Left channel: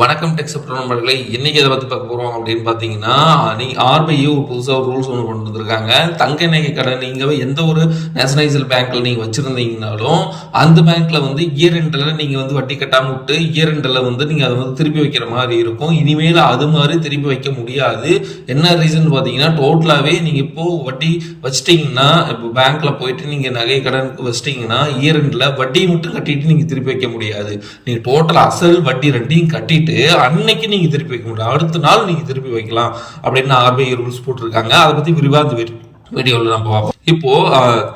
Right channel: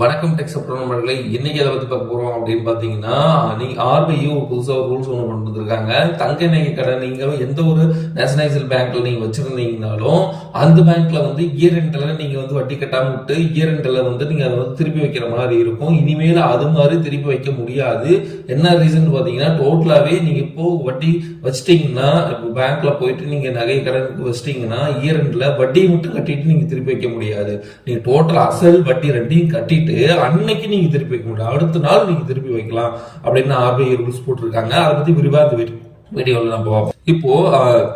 வணக்கம் டெக் சப்ரோ நண்பர்களே. இன்னைக்கு எதை பத்தி பார்க்க போறோம் அப்படின்னு பாத்தீங்கன்னா, ஆர்பிஐ ஒரு புதுசா ஒரு ரூல்ஸ் ஒன்று கொண்டு வந்திருக்காங்க. தங்க நகை கடன் நீங்க எந்த ஒரு நேஷனலைஸ்டு பேங்க்ல நீங்க வச்சிருந்தீங்கனாலும் அந்த பேங்க்ல இயர் எண்ட்ல நீங்க வட்டி கட்டாம விட்டு இயர் எண்ட்ல நீங்க அதை திருப்பி வைக்கிற மாதிரி இருக்கும். இனிமேல் அது மாதிரி திருப்பி வைக்க முடியாது. என்ன ரீசன் பாத்தீங்கன்னா, டோட்டலாவே நீங்க இப்போ வட்டி வச்சிட்டீங்கன்னா, இப்போ பேங்க்ல போயிட்டு நீங்க நகை கடனுக்கு வச்சிட்டீங்கன்னா இயர் எண்ட்ல வட்டி மட்டும் கட்டிட்டு நீங்க திருப்பி வைக்க முடியாது. நீங்க டோட்டல் அசல் வட்டி ரெண்டையும் கட்டிட்டு அன்னைக்கு நீங்க திருப்பி வைக்க முடியும். அடுத்த நாள் நீங்க திருப்பி வைக்கலாம் அப்படின்னு ஆர்பிஐ ரூல்ஸ் போட்டிருக்காங்க. அதை பத்தி விரிவா இந்த வீடியோவில் நம்ம பார்ப்போம். இப்போ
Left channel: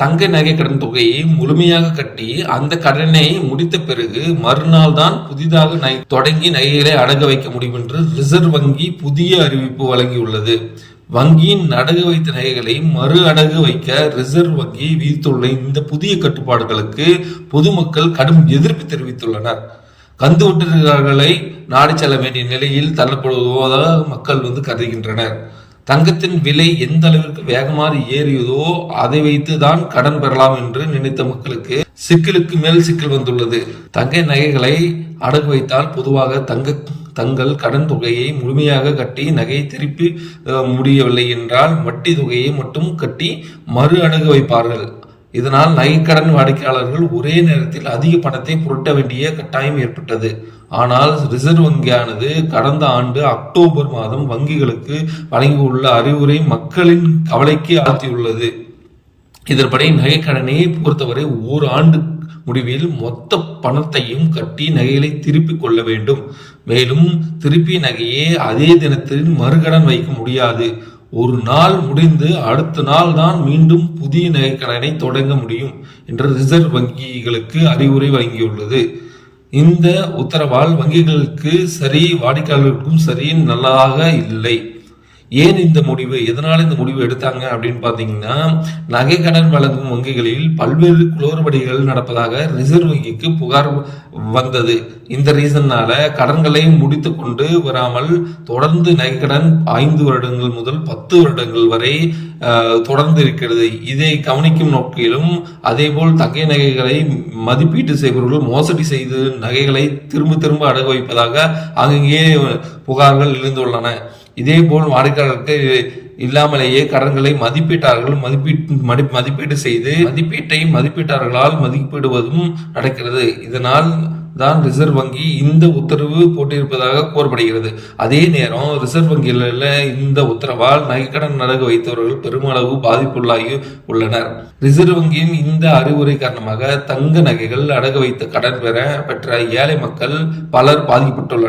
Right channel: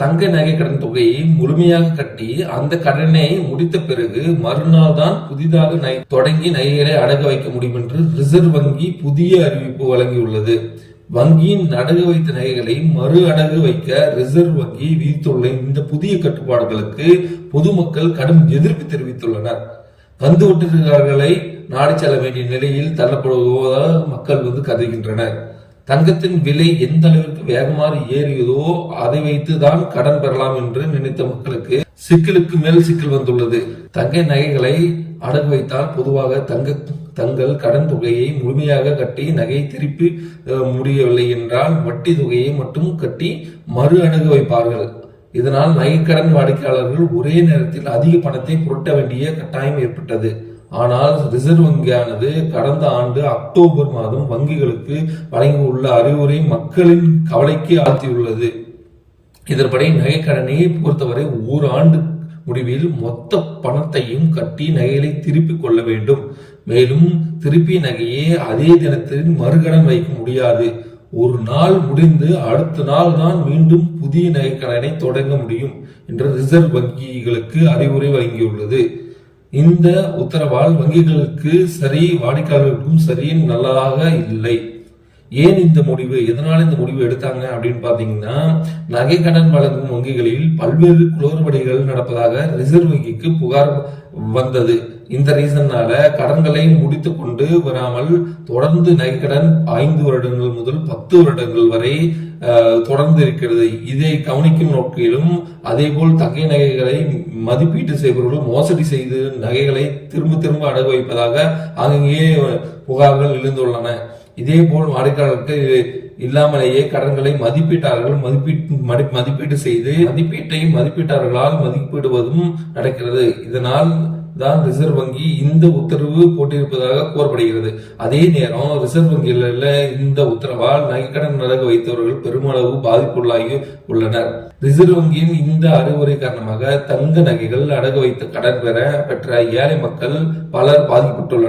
தங்க நகை கடன் தொகையை முழுமையாக கட்டி அந்த கடனை முடித்த பிறகு மறுநாள் தான் புதிதாக தொடங்கி நகைகளை அடகு வைக்க முடியும் என்று ரிசர்வ் வங்கி புதிய அறிவிப்பு வழங்கியுள்ளது. வங்கியின் அடகு வைத்த நகைகளை மறு அடகு வைக்க ரிசர்வ் வங்கி விதித்துள்ள இந்த புதிய கட்டுப்பாடுகளுக்கு பொதுமக்கள் கடும் எதிர்ப்பு தெரிவித்துள்ளனர். கந்து வட்டிகளை நாடி செல்ல வேண்டிய நிலையில் தள்ளப்படுவதாக மக்கள் கருதுகின்றனர். தங்கத்தின் விலை எந்த அளவிற்கு வேகமாக ஏறியதோ அதை வைத்து தான் கடன் பெறலாம் என்று நினைத்த மக்களுக்கு சிக்கலுக்கு மேல் சிக்கல் வந்துள்ளது. தங்க நகைகளை அடகு வைத்தால் பொதுவாக தங்கள் கடன் தொகையை முழுமையாக கட்டி நகையை திருப்பி முடியவில்லை என்றால் வட்டி தொகையை மட்டும் கட்டி மறு அடகு வைப்பார்கள். இதனால் நகைக்கடன் வாடிக்கையாளர்கள் ஒரே நேரத்தில் அதிக பணத்தை புரட்ட வேண்டிய கட்டாயம் ஏற்பட்டது. ஆனால் ரிசர்வ் வங்கியானது கடந்த ஆண்டு அக்டோபர் மாதம் வங்கிகளுக்கு வழங்கியுள்ள அறிவுரை மக்களின் கவலைக்கு ஆழ்த்தியுள்ளது. இதன்படி நகைக்கடனை பொறுத்தவரை ஓராண்டு முடிவில் மொத்த பணத்தையும் கட்டி நகைகளை திருப்பிக் கொள்ள வேண்டும். மேலும் திருப்பி நகையை அதே தினத்தில் மறுகடன் வைக்க முடியாது. ஒரு நாள் முடிந்து அடுத்த நாள் தான் மீண்டும் புதிய நகைக்கடனை தொடங்க முடியும் என்று ரிசர்வ் வங்கிகளுக்கு அறிவுரை வழங்கியுள்ளது. இந்த உத்தரவால் வங்கிகளுக்கு சரி வாடிக்கையாளர்களுக்கும் சரி நல்லதாக இல்லை. ஏன் இந்த முடிவு, எதனால இந்த முடிவு எடுத்தாங்க அப்படின்னு பாத்தீங்கன்னா, நகை கடன் வழங்கும் வங்கிகளில் பல்வேறு குளறுபடிகள் நடப்பதாக ரிசர்வ் வங்கிக்கு புகார் வந்தது. இந்த ரீசன்னால கடன்களை முடித்து கொண்டு வராமல் தொடர்ந்து நகை கடன் 5 வருடங்கள் முதல் 10 வருடங்கள் வரை தொடர்ந்து இருக்கிறது. இதை கவனிக்கும் நோக்கிலும் அதேபோல் தங்கை நகைகளை மதிப்பீட்டு செய்பவர்கள் மோசடி செய்து நகைகளை திரும்ப அடகு வைப்பதாக அங்கங்கே புகார்கள் எழுந்துள்ளன. இதே போல் வாடிக்கையாளருக்கு இல்லாமலேயே கடன்களை மதிப்பீட்டு செய்து மதிப்பீட்டாளர்களால் மதிப்பிடுவதும் நடக்கிறது. இதனால் தான் ரிசர்வ் வங்கி இந்த உத்தரவு போட்டிருப்பதாக கூறப்படுகிறது. அதே நேரம் ரிசர்வ் வங்கியில் இந்த உத்தரவால் நகைக்கடன் அடகு வைத்தவர்கள் பெருமளவு பாதிப்புள்ளாகி உள்ளனர். ரிசர்வ் வங்கியின் இந்த அறிவுரை காரணமாக தங்க நகைகள் அடகு வைத்து கடன் பெற்ற ஏழை மக்கள் பலர் பாதிக்கப்பட்டுள்ளனர்.